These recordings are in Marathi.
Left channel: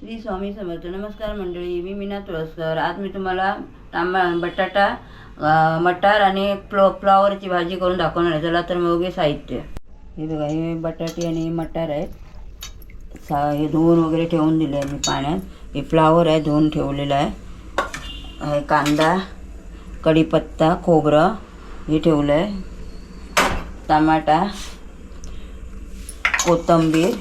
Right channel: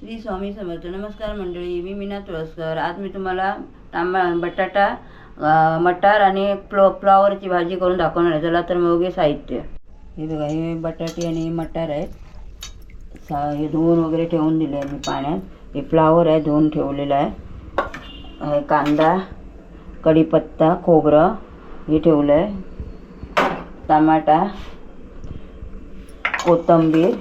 श्री स्वामी समर्थ. नमस्कार मंडळी, मी मीना तुळसकर. आज मी तुम्हाला बटाटा, मटार आणि फ्लॉवरची भाजी करून दाखवणार आहे. चला तर मग साहित्य हे बघा. हे बटाटे आणि मटार आहेत. हे धुवून वगैरे ठेवून दिले आहे मी पाण्यात. हे फ्लॉवर आहे, धुवून ठेवलेलं आहे. कांदा, कढीपत्ता, खोबरं हे ठेवलं आहे. टमाटा, कोथिंबीर,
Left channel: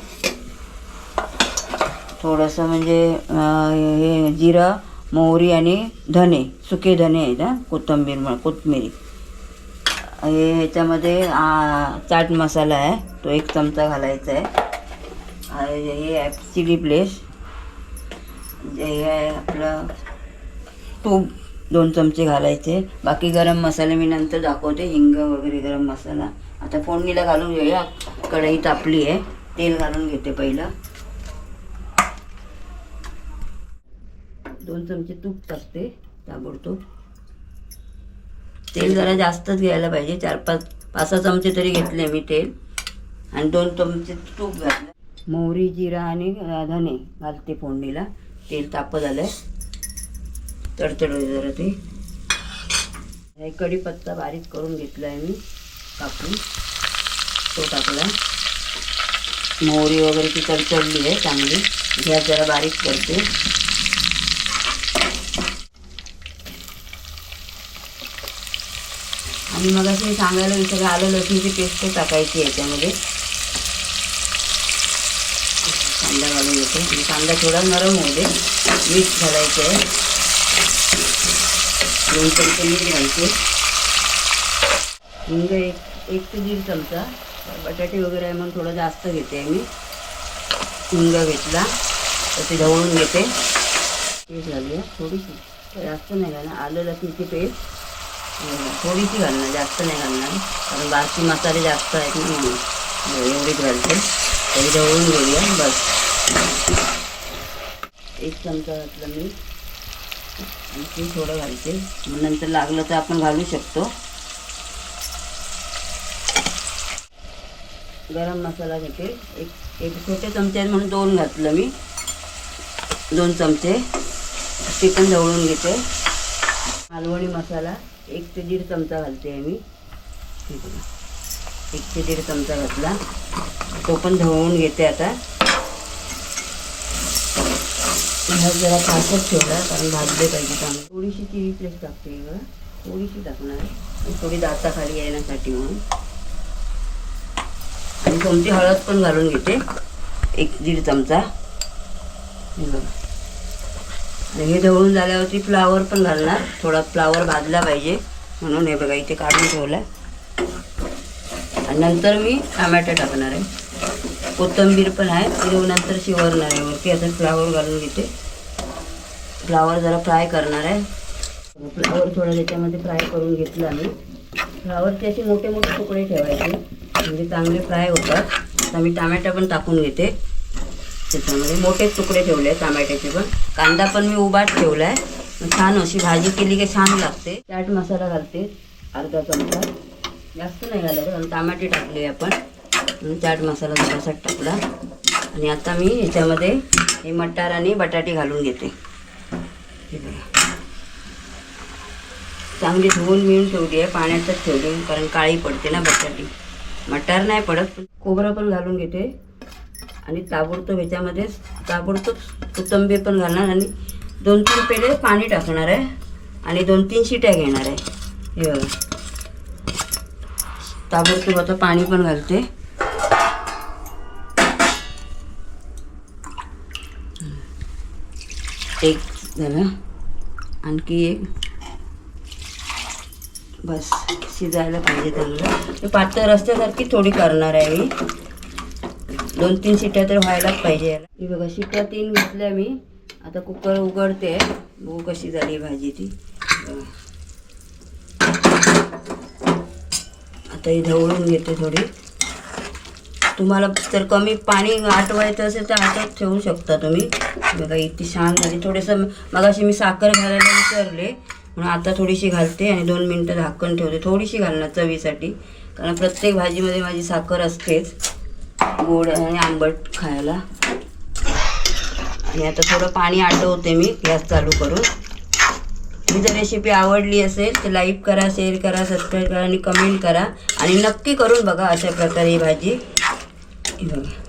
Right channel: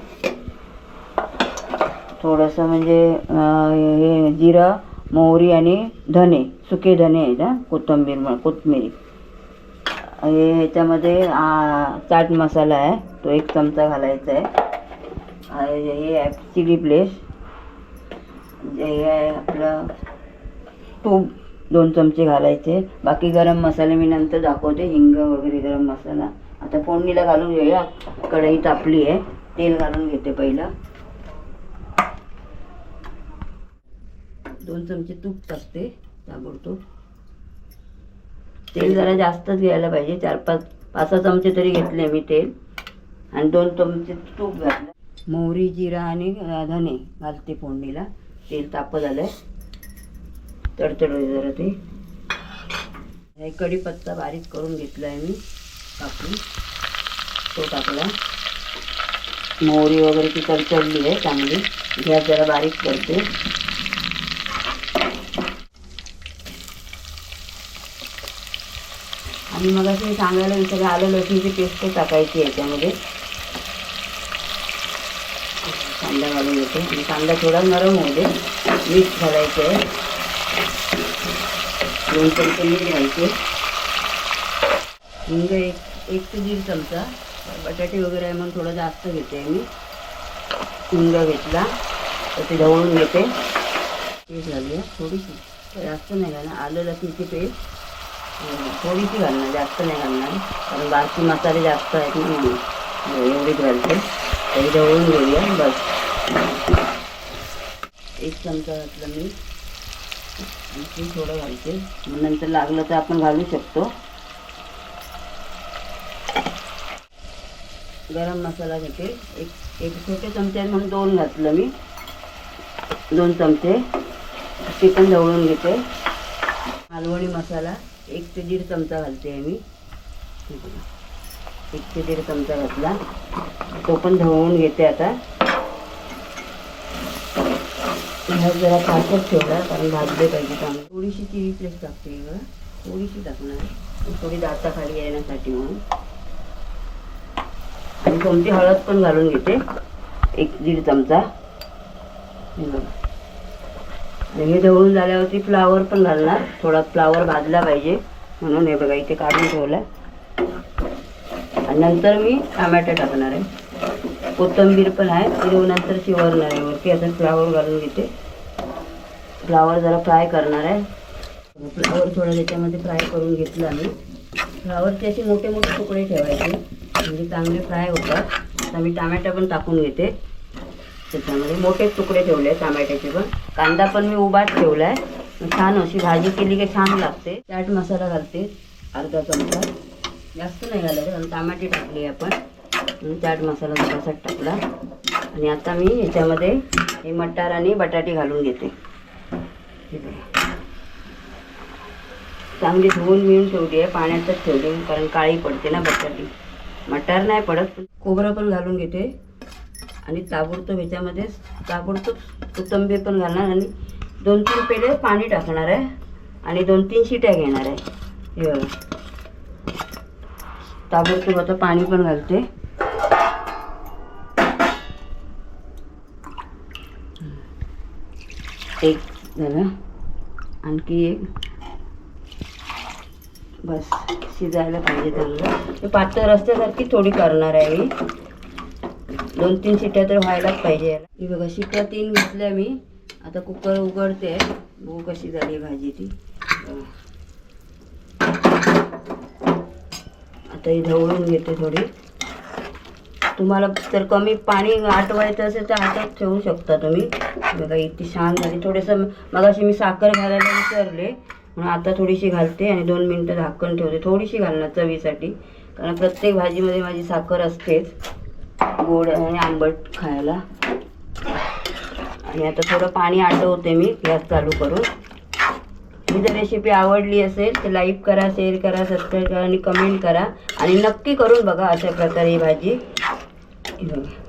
थोडंसं म्हणजे हे जिरं, मोहरी आणि धने, सुके धने आहेत. कोथिंबीर हे ह्याच्यामध्ये चाट मसाला आहे, तो 1 चमचा घालायचा आहे. हे आहे चिली फ्लेक्स. हे आहे आपलं तूप 2 चमचे घालायचे. बाकी गरम मसाले मी नंतर दाखवते, हिंग वगैरे गरम मसाला. आता फोडणीला घालून घेऊया. कढई तापली आहे, तेल घालून घेते. पहिलं 2 चमचे तूप टाकते ताबडतोब. तेल जरा जास्तच घ्यायला पाहिजे. 4-5 चमचे तरी घेतले मी तेल. आणि 2 चमचे तूप घातलं. मोहरी, जिरा आणि धने घालते फोडणीला. तेल तापत झालं आहे, तडतड जरा ते. हे कढीपत्ता बारीक करून घेतला आहे मी कापून, तो टाकला. मोहरी वगैरे ती तडतडली आहे चांगली. गॅस जरा बारीक करते. आणि मग असं सांगायला विसरलं, आलं लसूणची पेस्ट टाकायची याच्यामध्ये. कांदा घालून घेते आणि कांदा थोडा नरम होऊ दे. मीठ घालायचं आहे, 2 चमचे मीठ घालायचे. हिंग 1 ते 1.5 चमचा. बटाटे वगैरे आहे म्हणून थोडं जास्त घेते मी. हिंग घेतला तर ते ढवळून घेते. पेस्ट घालूया थोडीशी, जास्त नाही घालणार. आलं लसूणची पेस्ट थोडीशी घालणार, जास्त नाही घालणार, कारण बाकी मसाले जास्त आहेत ना. एवढीच घालते. तरी ढवळून घेऊया बस. 1 चमचा घातलं मी. आणखी थोडं घालते, मग नंतर लागलं तर आपण घालू शकतो. गरम मसाला घेते. एक छोटे चमचे आहेत म्हणून 2 घातलं मी. 2 चमचे ते पण ढवळून घेते. मालवणी मसाला 1 ते 1.5 चमचा घालते मी. 1 ते 1.5 चमचा घातला, तो पण ढवळून घेते. आता जरा फाटच ठेवला, कारण भाजले पाहिजे चांगलं. थोडीशी चिली फ्लेक्स टाकते बघा, थोडीशी टाकणार, थोडी दाताखाली येण्यासाठी म्हणून. आणि कोणती हळद पण घालून घेते, 1-1.5 चमचा. हे बघा. हे ढवळून झाल्यावरती फ्लावर पण घालणार. थोडा फ्लावर भाजला पाहिजे म्हणून. हे बघा इथे काढून ठेवला. आणि नंतर मी टमाटर टाकणार आहे. कोथिंबीर पण आहे, ते नंतर शिवरणार आहे वरती. आता फ्लावर घालून घेते. फ्लावर जरा फ्राय करणार आहे. फ्लावर थोडं त्याच्यामध्ये फ्राय करून घेतला मी. फ्लावरचे असे मोठे मोठे तुकडे ठेवायचे, म्हणजे चांगले फ्राय होतात. आता मी टमाटर पण टाकून घेते त्याच्यामध्ये. मोठेच तुकडे ठेवले आहेत टमाट्याचे पण. कांदा पण मी उभाच ठेवला आहे. छान अशी भाजी केली की छान लागते. चाट मसाला घालते अर्धा चमचा, जास्त नाही घालायचं कारण टमाटे टाकले आपण. चाट मसाला जरासा टाकला. आणि आता मी ह्याच्यामध्ये हे मटार आणि बटाटे घालून घेते. चांगली धुवून मिळून ठेवली आहे, पाण्यातच ठेवली कारण काळी पडते ना बटाटी. मटार नाही पडत. खोबरं पण घालून घेते. आणि ताबडतोब ह्याच्यामध्ये कोथिंबीर पण घालणार. आणि 2-3 पेले पाणी टाकणार आहे. आणि 2-3 शिट्या घेणार आहे. हे बघा, ताबडतोब आता पाणी पण घालते. एक झालं, आणखी एक. बस शिजायला पाहिजे चांगलं. ते पातळ रस्त्यासारखी थोडी करणार आहे मी. 2-3 शिट्या तर व्हायलाच पाहिजे याला. ही बघा शिट्या 3 घेतल्या मी. आता कुकर उघडते, बघू कशी झाली भाजी ती. आता ही ढवळून घेते थोडी. तुम्हाला जर कमी पाणी आटवायचं असेल तर आटत ठेवू शकता तुम्ही. बघा इतकी छान झाली. थोडंसं मगाशी मी साखर घालायला विसरले म्हणून आता थोडीशी घालते. आणि 2 मिनटं झाकण ठेवते. थोडीशी घालणार चवीसाठी, कारण प्रत्येक भाजीमध्ये माझी साखर असतेच, गोड आणि आंबट खायला. आणि आता थोडं पाणी आटवते मी गॅस चालू करून. ही जर रेसिपी आवडली असेल तर लाईक करा, शेअर करा, सबस्क्राईब करा आणि कमेंट करा आणि नक्की करून बघा अशा प्रकारे ही भाजी. ही बघा.